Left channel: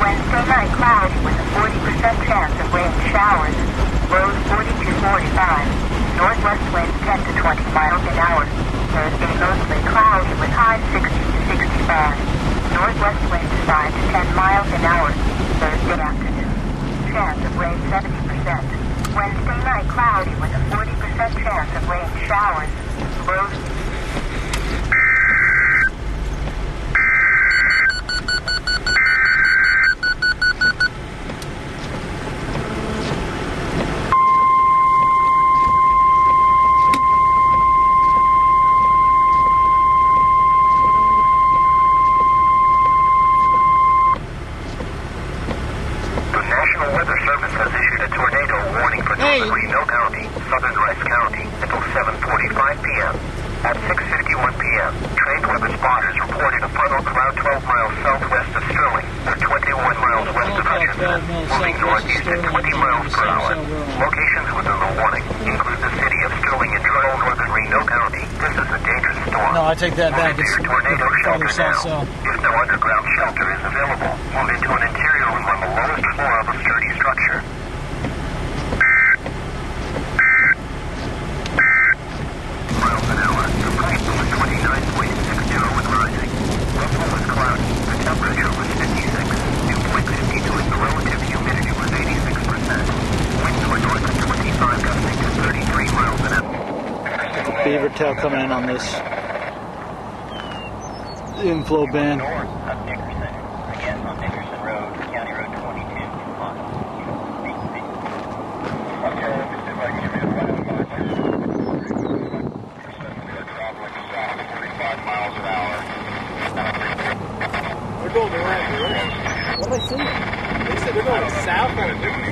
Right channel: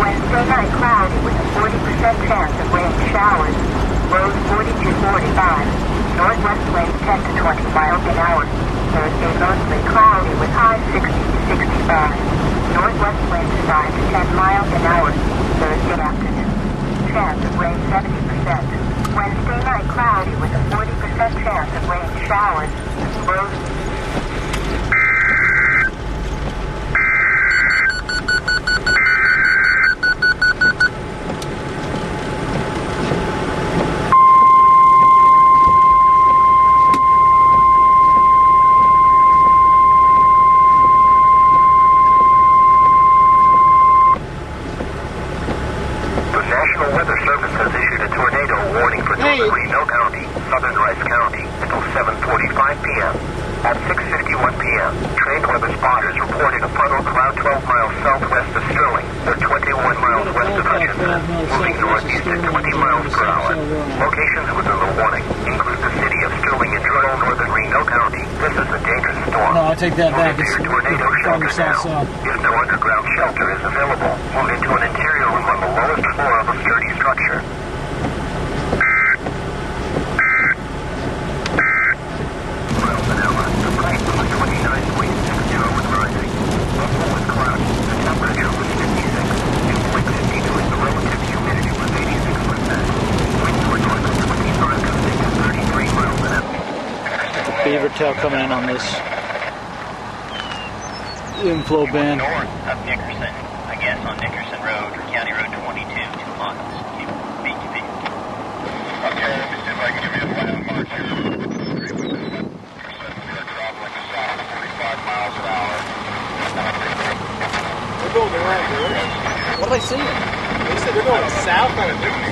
Wednesday night cloudy with a 40% chance of rain showers. Lows 40 to 45. Northwest winds 10 to 20 miles an hour. Thursday mostly cloudy with highs 60 to 65. Northwest winds 5 to 10 miles an hour. Thursday afternoon. Chance of rain 70%. Wednesday night cloudy with a 40% chance of rain showers. Lows. Reno County, southern Rice County, until 7:45 p.m. At 6:51 p.m., train weather spotters reported a funnel cloud 12 miles southwest of Sterling, or 21 miles west of Hutchinson, moving northeast at 20 miles per hour. Locations within the warning include the city of Sterling in rural northern Reno County. This is a dangerous storm. No, I take that back. It's tornado shelter now. If no underground shelter is available, move into an interior room on the lowest floor of a sturdy structure. Beaver tail coming in on this inflow band. North of Nickerson, I guess on Nickerson Road, County Road 22, 2 miles. Beach. Okay, let me see if I can give you a landmark here. We are traveling south 45 miles an hour. They're going the right direction. What are they saying? They said they're going south on a different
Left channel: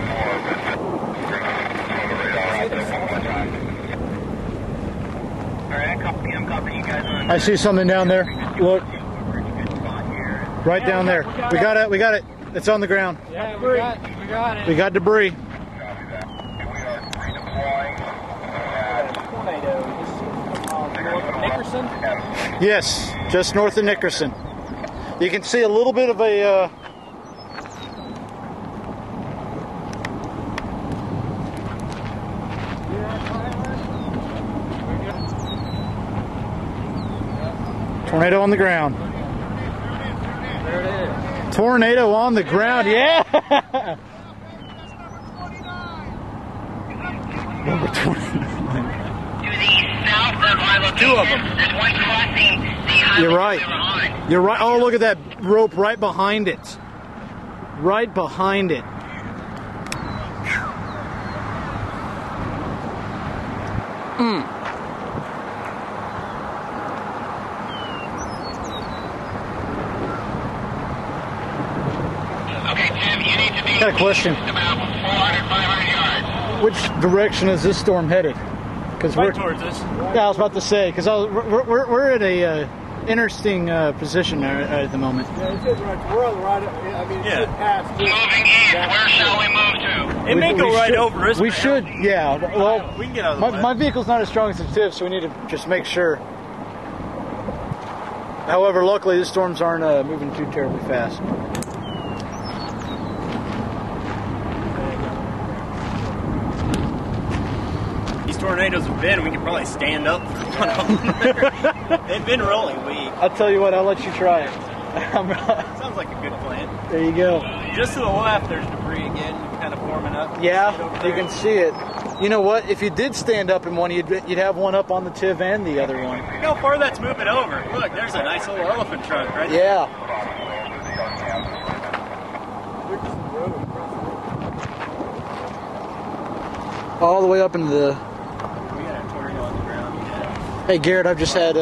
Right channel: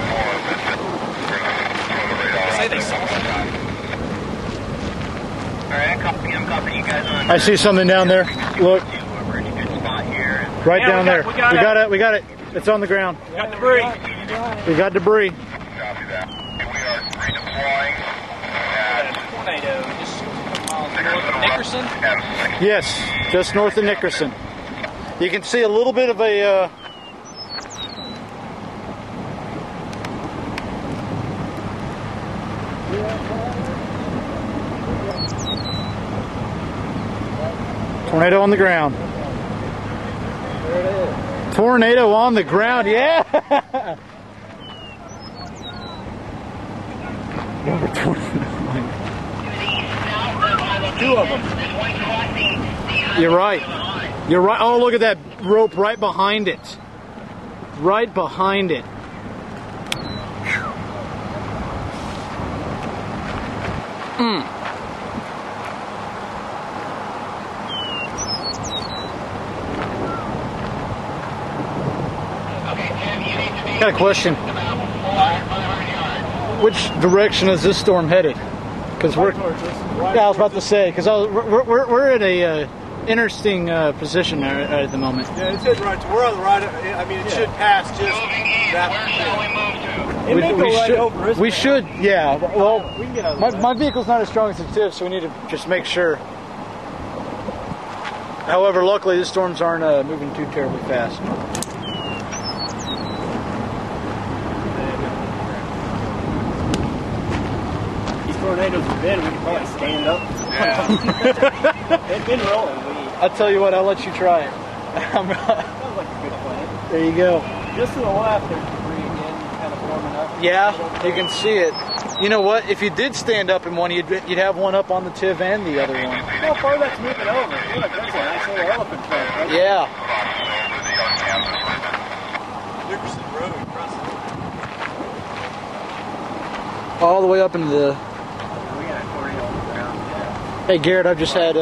Say they saw something. Alright, I'm copying you guys on. I see something down there. Look. Right down there. We got it. It's on the ground. We got debris. We got debris. Copy that. We are redeploying Tornado. Just north of Nickerson. Yes, just north of Nickerson. You can see a little bit of a tornado on the ground. There it is. Tornado on the ground, yeah! Number 29. Two of them. There's one crossing the You're right. You're right. Oh, look at that rope right behind it. Right behind it. Okay, Tim, you need to be Got a question. about 400, 500 yards. Which direction is this storm headed? Because Right towards us. yeah, I was about to say because we're at a interesting position there at the moment. Yeah, it's heading right. We're on the right. I mean, it should pass just. Moving east, where shall we move to? It may go right should, over us. We should, yeah. Well, we can get out of the way. my vehicle's not as strong as the TIV, so we need to just make sure. However, luckily, the storms aren't moving too terribly fast. Tornadoes have been, we could probably stand up. They've been rolling. I'll tell you what, I'll let you try it. Sounds like a good plan. There you go. Just to the left, there's debris again, kind of forming up. Yeah, you can see it. You know what? If you did stand up in one, you'd have one up on the TIV and the other one. Look how far that's moving over. Look, there's a nice little elephant trunk right there. Yeah. Nickerson Road, All the way up into the... We got a tornado on the ground, yeah. Hey Garrett, I've just had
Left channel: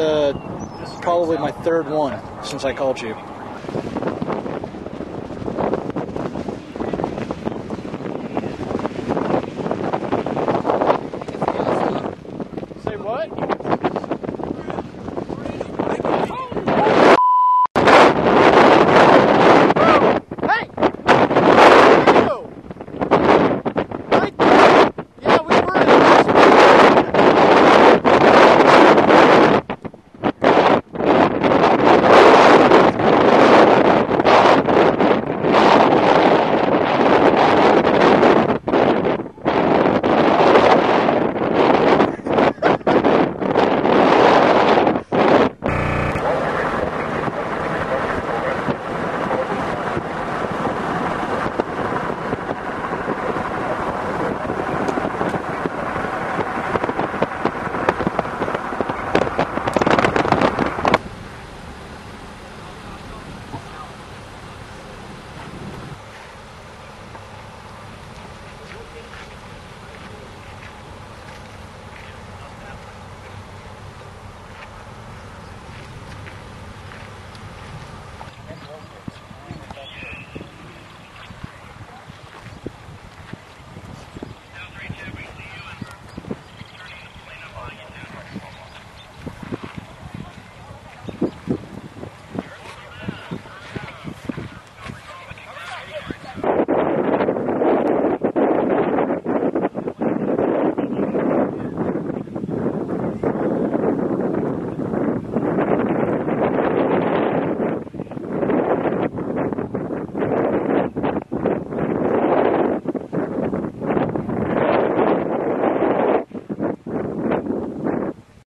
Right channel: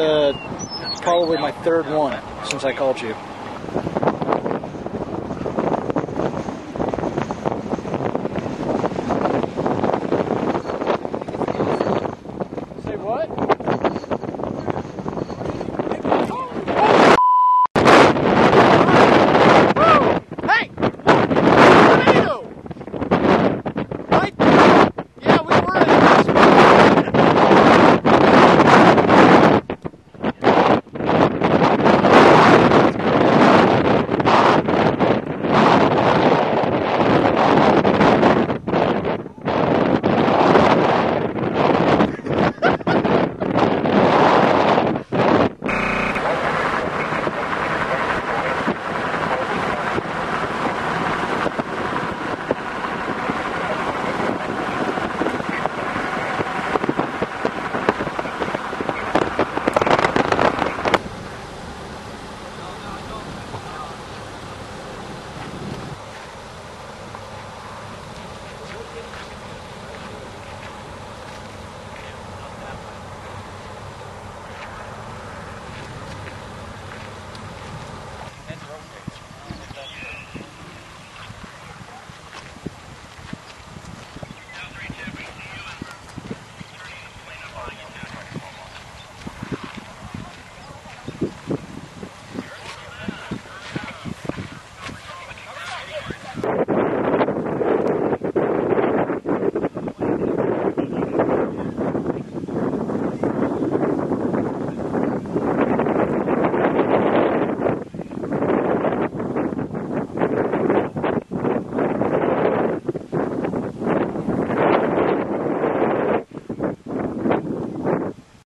probably my third one since I called you. Say what?